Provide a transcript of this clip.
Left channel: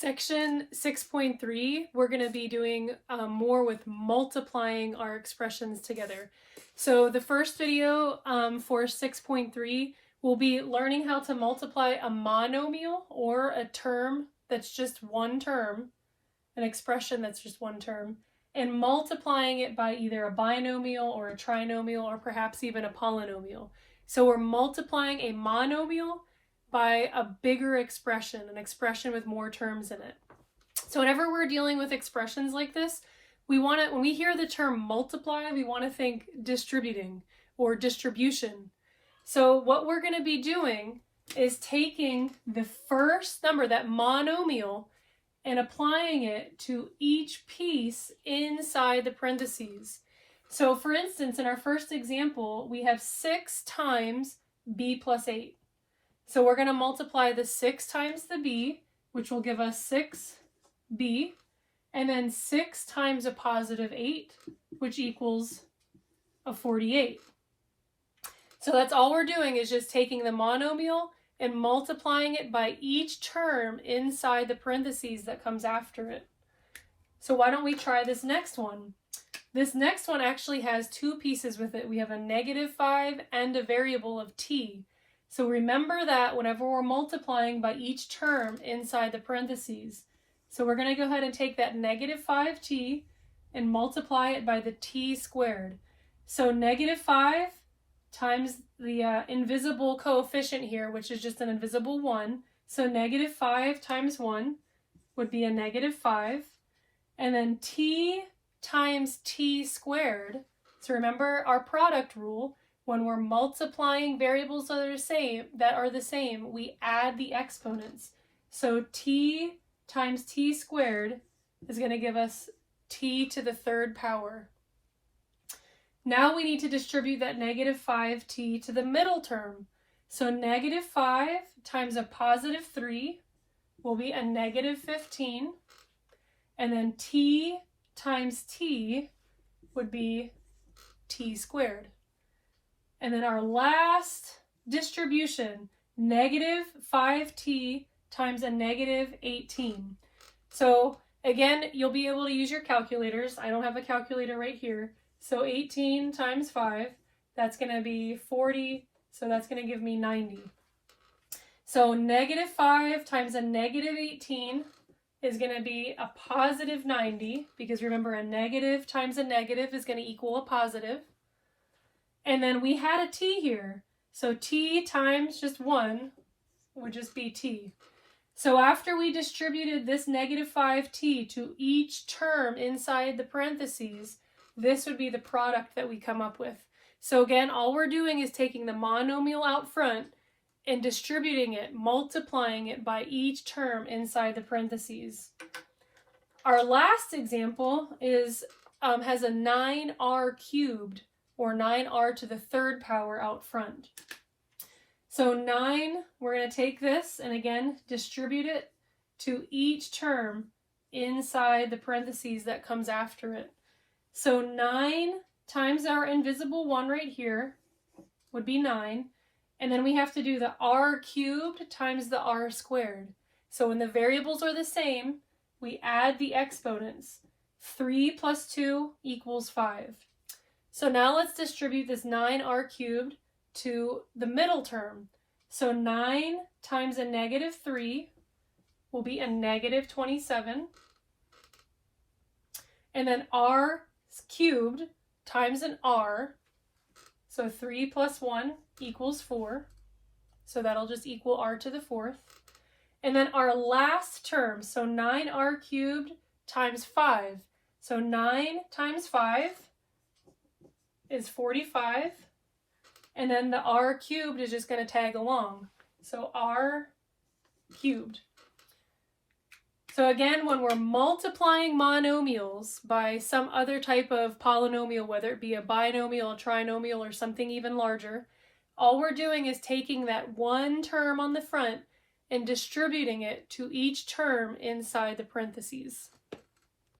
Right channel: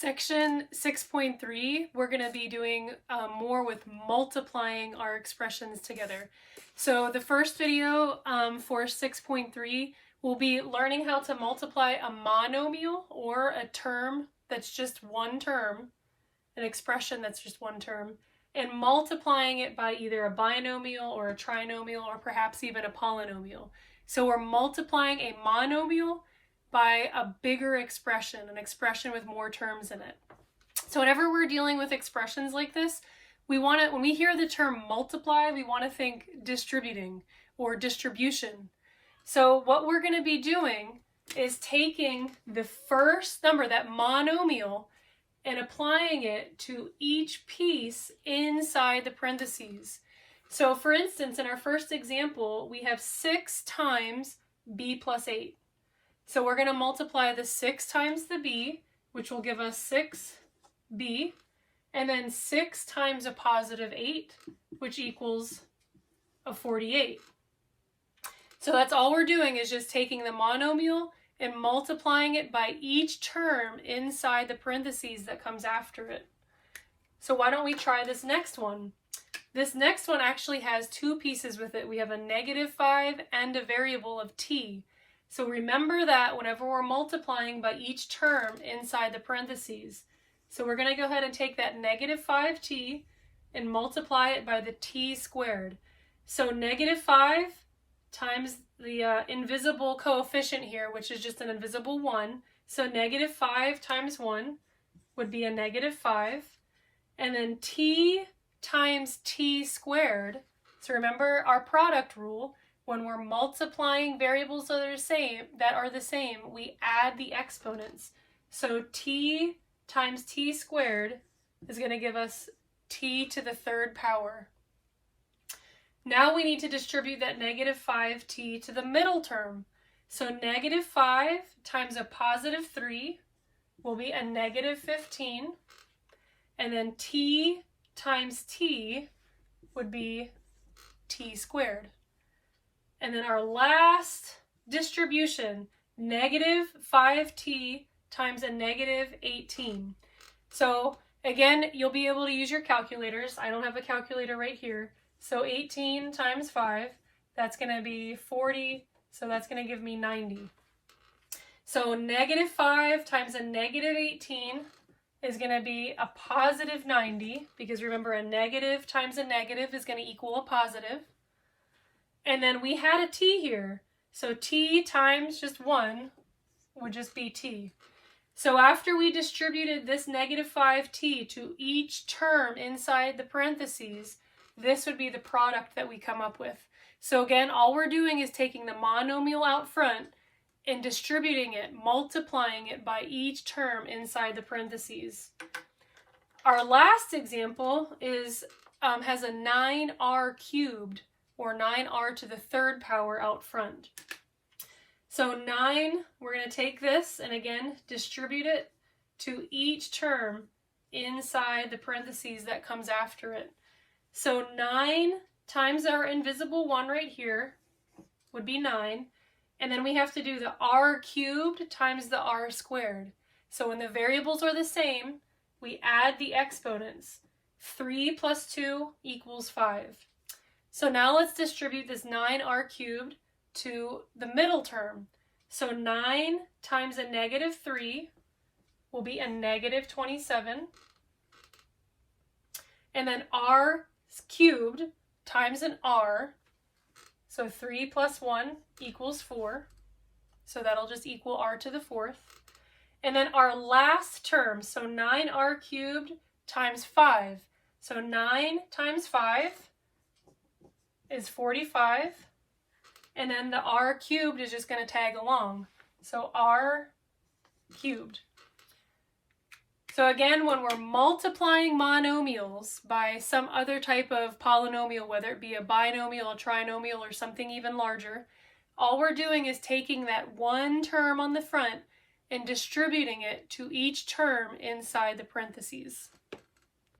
Section 6.3, we're going to be doing more with multiplying our expressions together. So the first video for 6.3, we'll be learning how to multiply a monomial, or a term that's just one term, an expression that's just one term, and multiplying it by either a binomial or a trinomial or perhaps even a polynomial. So we're multiplying a monomial by a bigger expression, an expression with more terms in it. So whenever we're dealing with expressions like this, when we hear the term multiply, we want to think distributing or distribution. So what we're going to be doing is taking the first number, that monomial, and applying it to each piece inside the parentheses. So for instance, in our first example, we have 6 times b plus 8. So we're going to multiply the 6 times the b, which will give us 6b, and then 6 times a positive 8, which equals a 48. So that's all we're doing, is just taking the monomial and multiplying it by each term inside the parentheses that comes after it. So why don't we try this next one? This next one actually has 2 pieces with it. We have a -5 and a variable of t. So remember that whenever we're multiplying by each term inside the parentheses. So we're going to go ahead and take that -5t and multiply it by the t squared. So -5 times the invisible coefficient here, which is just an invisible 1. So -5 times 1 would be a -5. And then t times t squared. So remember our product rule. When we're multiplying variables that are the same, we add the exponents. So t times t squared is going to give us t to the 3rd power. Now we need to distribute that -5t to the middle term. So -5 times a positive 3 will be a -15. And then t times t would be t squared. And then our last distribution, -5t times a -18. So again, you'll be able to use your calculators. I don't have a calculator right here. So 18 times 5, that's going to be 40. So that's going to give me 90. So -5 times a -18 is going to be a positive 90, because remember, a negative times a negative is going to equal a positive. And then we had a t here, so t times just 1 would just be t. So after we distributed this -5t to each term inside the parentheses, this would be the product that we come up with. So again, all we're doing is taking the monomial out front and distributing it, multiplying it by each term inside the parentheses. Our last example is has a 9r cubed, or 9r to the 3rd power out front. So 9, we're going to take this and again distribute it to each term inside the parentheses that comes after it. So 9 times our invisible 1 right here would be 9. And then we have to do the r cubed times the r squared. So when the variables are the same, we add the exponents. 3 plus 2 equals 5. So now let's distribute this 9r cubed to the middle term. So 9 times a -3 will be a -27. And then r cubed times an r. So 3 plus 1 equals 4. So that'll just equal r to the 4th. And then our last term, so 9r cubed times 5. So 9 times 5 is 45, and then the r cubed is just going to tag along. So r cubed. So again, when we're multiplying monomials by some other type of polynomial, whether it be a binomial, a trinomial, or something even larger, all we're doing is taking that one term on the front and distributing it to each term inside the parentheses.